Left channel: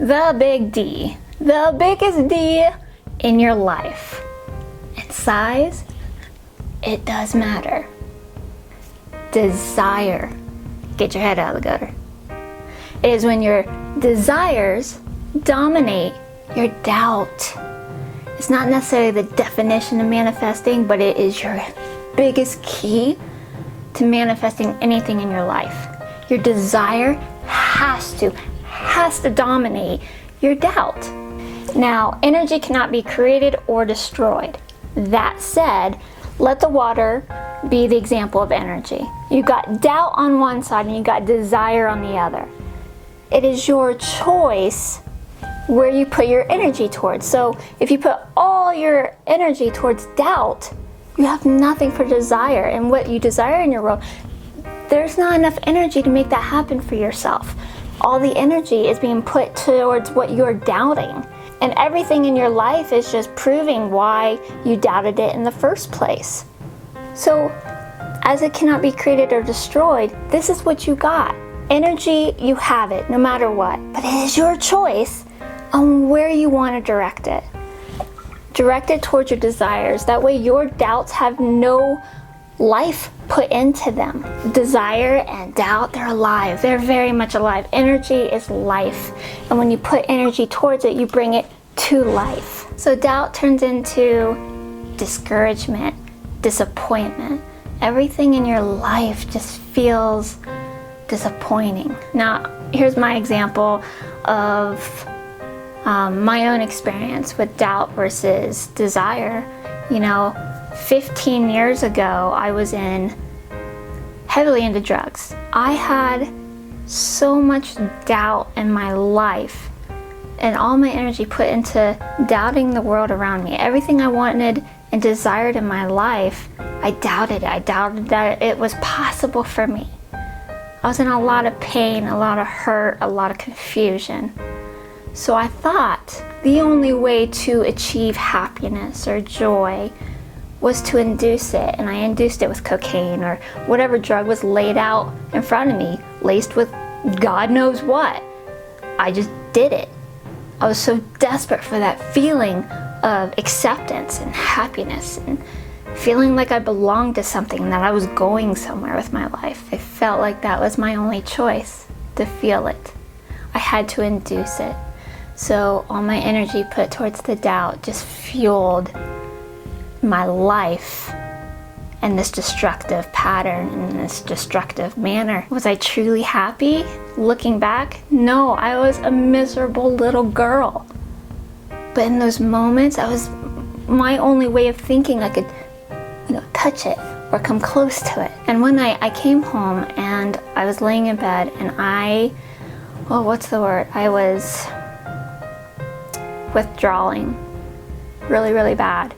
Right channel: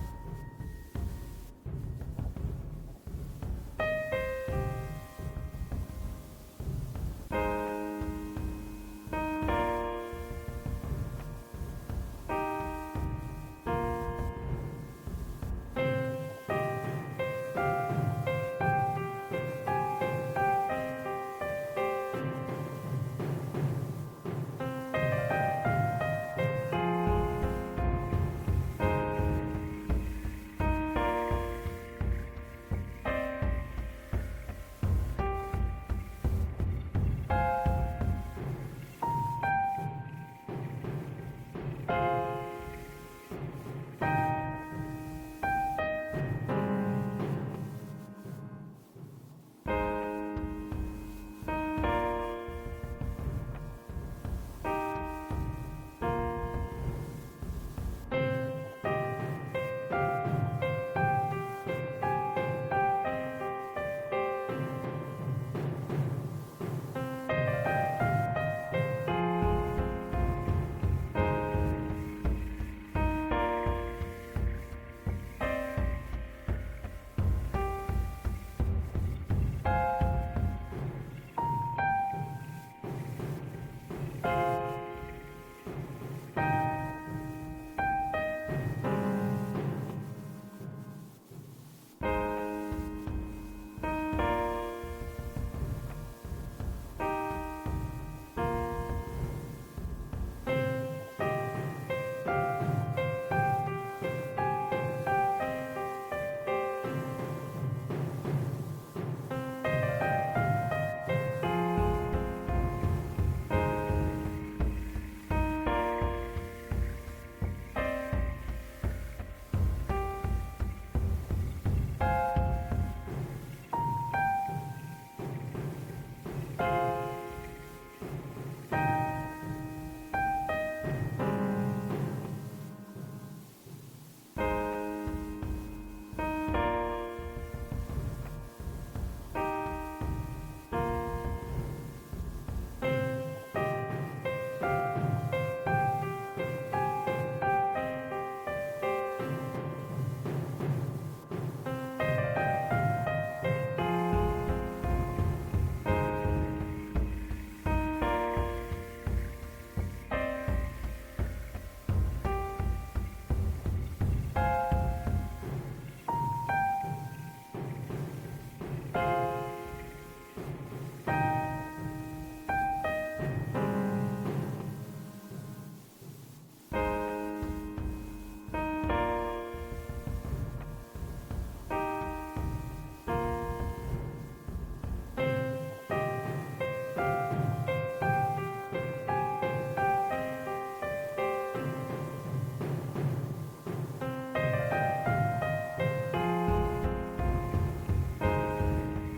the big D, the biggest D in your life. And size, it does matter. Desire. Get your head out of the gutter. It is when your desires dominate your doubt. It's not necessarily the definition of manifesting, but it is your biggest key to manifesting anything in your life. Your desire has to dominate your doubt. Now, energy cannot be created or destroyed. That said, let the water be the example of energy. You got doubt on one side and you got desire on the other. It is your choice where you put your energy towards. So if you put all your energy towards doubt, you have nothing for desire. And what you desire in your world, there's not enough energy to make that happen for yourself. All the energy is being put towards what you're doubting. And everything in your life is just proving why you doubted it in the first place. So, as it cannot be created or destroyed, this is what you got. Energy, you have it, no matter what. But it is your choice on where you want to direct it. Direct it towards your desires. That way your doubts have no life put into them. Desire and doubt, they're alive. They're very much alive. Energy is life. And when you put energy towards it, you bring it to life. So doubt turns into discouragement, disappointment. Everything in your life just feels disappointing. Now, here's my example of my own experience with doubt versus desire. 15 years ago, I was heavily into drugs. I had so much doubt in my life and all my energy put into doubting the world around me. Everything I wanted and desired in my life, I doubted it. I doubted that it was possible for me. I was in a lot of pain, a lot of hurt, a lot of confusion. So I thought the only way to achieve happiness or joy was to induce it, and I induced it with cocaine or whatever drug was laid out in front of me, laced with God knows what. I just did it. I was so desperate for that feeling of acceptance and happiness and feeling like I belonged to something and that I was going somewhere with my life. I felt like that was my only choice, to feel it. I had to induce it. So all my energy put towards the doubt just fueled my life in this destructive pattern, in this destructive manner. Was I truly happy? Looking back, no, I was a miserable little girl. But in those moments, I was my only way of thinking I could, touch it or come close to it. And one night I came home and I was laying in bed and I was withdrawing really, really bad.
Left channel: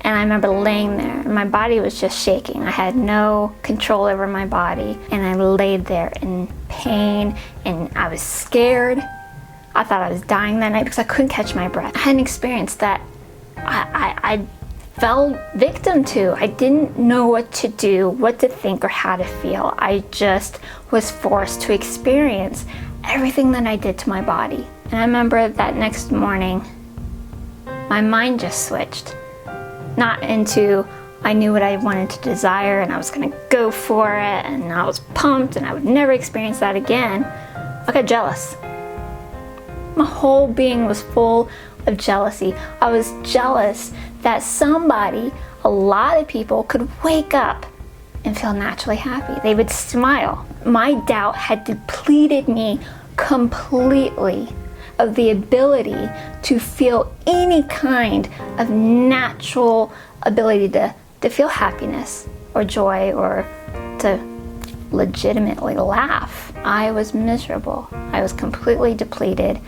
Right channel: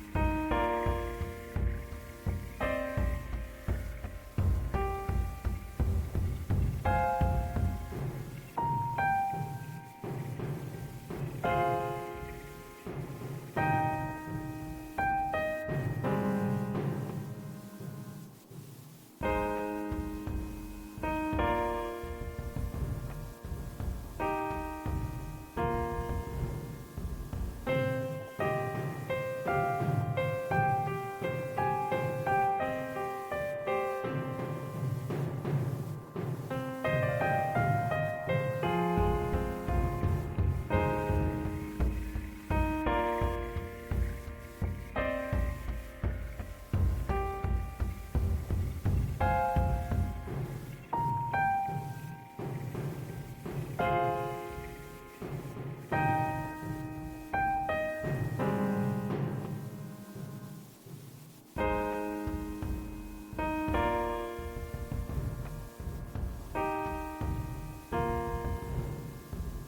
And I remember laying there and my body was just shaking. I had no control over my body and I laid there in pain and I was scared. I thought I was dying that night because I couldn't catch my breath. I had an experience that I fell victim to. I didn't know what to do, what to think, or how to feel. I just was forced to experience everything that I did to my body. And I remember that next morning, my mind just switched. Not into, I knew what I wanted to desire and I was gonna go for it and I was pumped and I would never experience that again. I got jealous. My whole being was full of jealousy. I was jealous that a lot of people could wake up and feel naturally happy. They would smile. My doubt had depleted me completely of the ability to feel any kind of natural ability to feel happiness or joy or to legitimately laugh. I was miserable. I was completely depleted,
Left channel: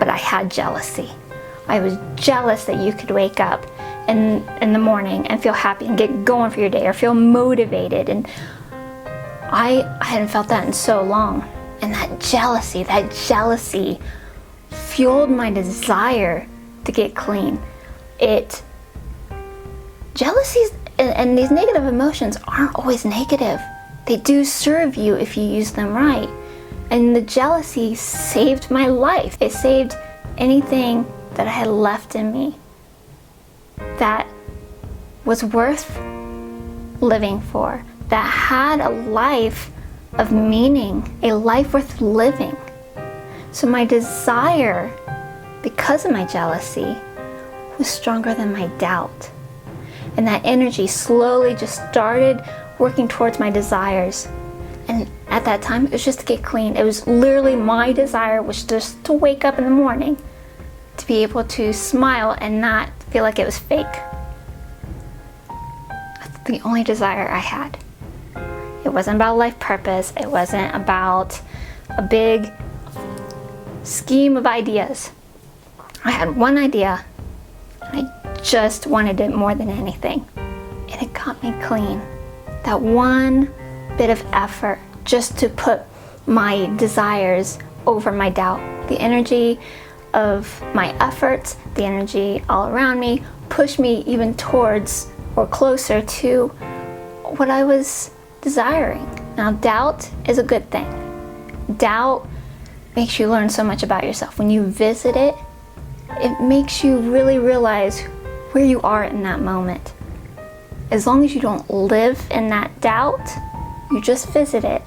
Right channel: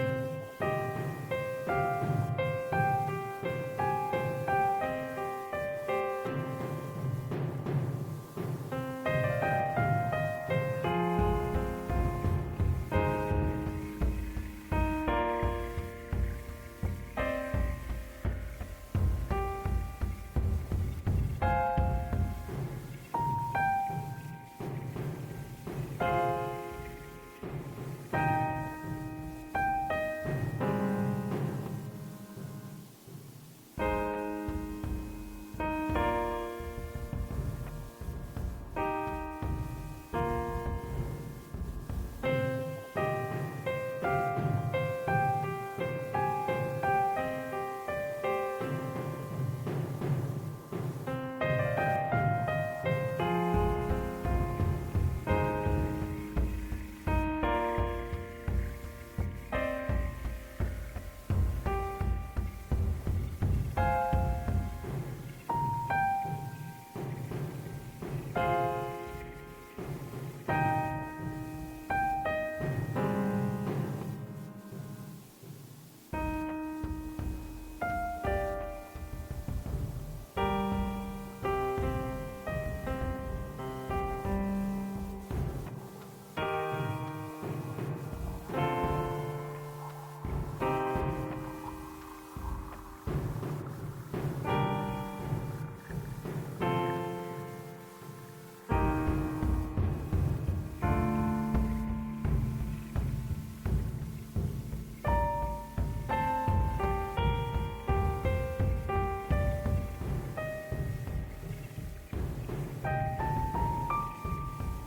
but I had jealousy. I was jealous that you could wake up in the morning and feel happy and get going for your day or feel motivated. And I hadn't felt that in so long. And that jealousy fueled my desire to get clean. Jealousy and these negative emotions aren't always negative. They do serve you if you use them right. And the jealousy saved my life. It saved anything that I had left in me that was worth living for, that had a life of meaning, a life worth living. So my desire, because of my jealousy, was stronger than my doubt. And that energy slowly just started working towards my desires. And at that time, it was just to get clean. It was literally my desire was just to wake up in the morning, to be able to smile and not feel like it was fake. That's the only desire I had. It wasn't about life purpose. It wasn't about a big scheme of ideas. I had one idea, and I just wanted it more than anything. And it got me clean. That one bit of effort just to put my desires over my doubt. The energy of my efforts, the energy all around me, pushed me even towards or closer to what I was desiring. Now, doubt is a good thing. Doubt makes you learn so much about yourself. When you visit it, it makes you really realize where you are in that moment. As long as you don't live in that doubt, you just visit it,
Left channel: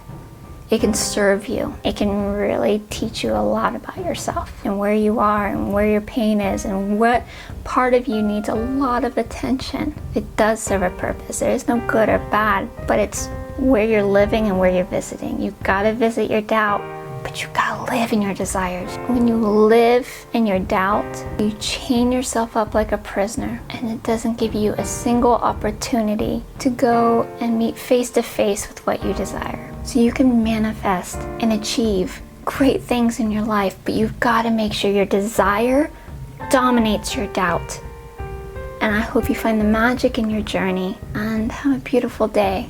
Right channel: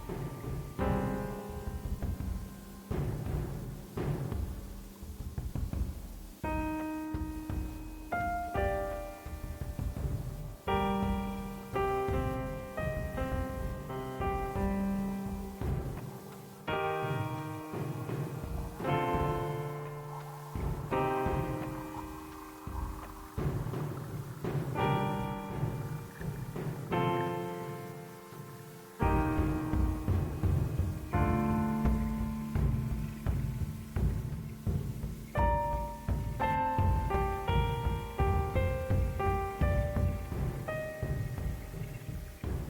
it can serve you. It can really teach you a lot about yourself and where you are and where your pain is and what part of you needs a lot of attention. It does serve a purpose. There is no good or bad, but it's where you're living and where you're visiting. You've got to visit your doubt, but you gotta live in your desires. When you live in your doubt, you chain yourself up like a prisoner, and it doesn't give you a single opportunity to go and meet face to face with what you desire. So you can manifest and achieve great things in your life, but you've gotta make sure your desire dominates your doubt. And I hope you find the magic in your journey, and have a beautiful day.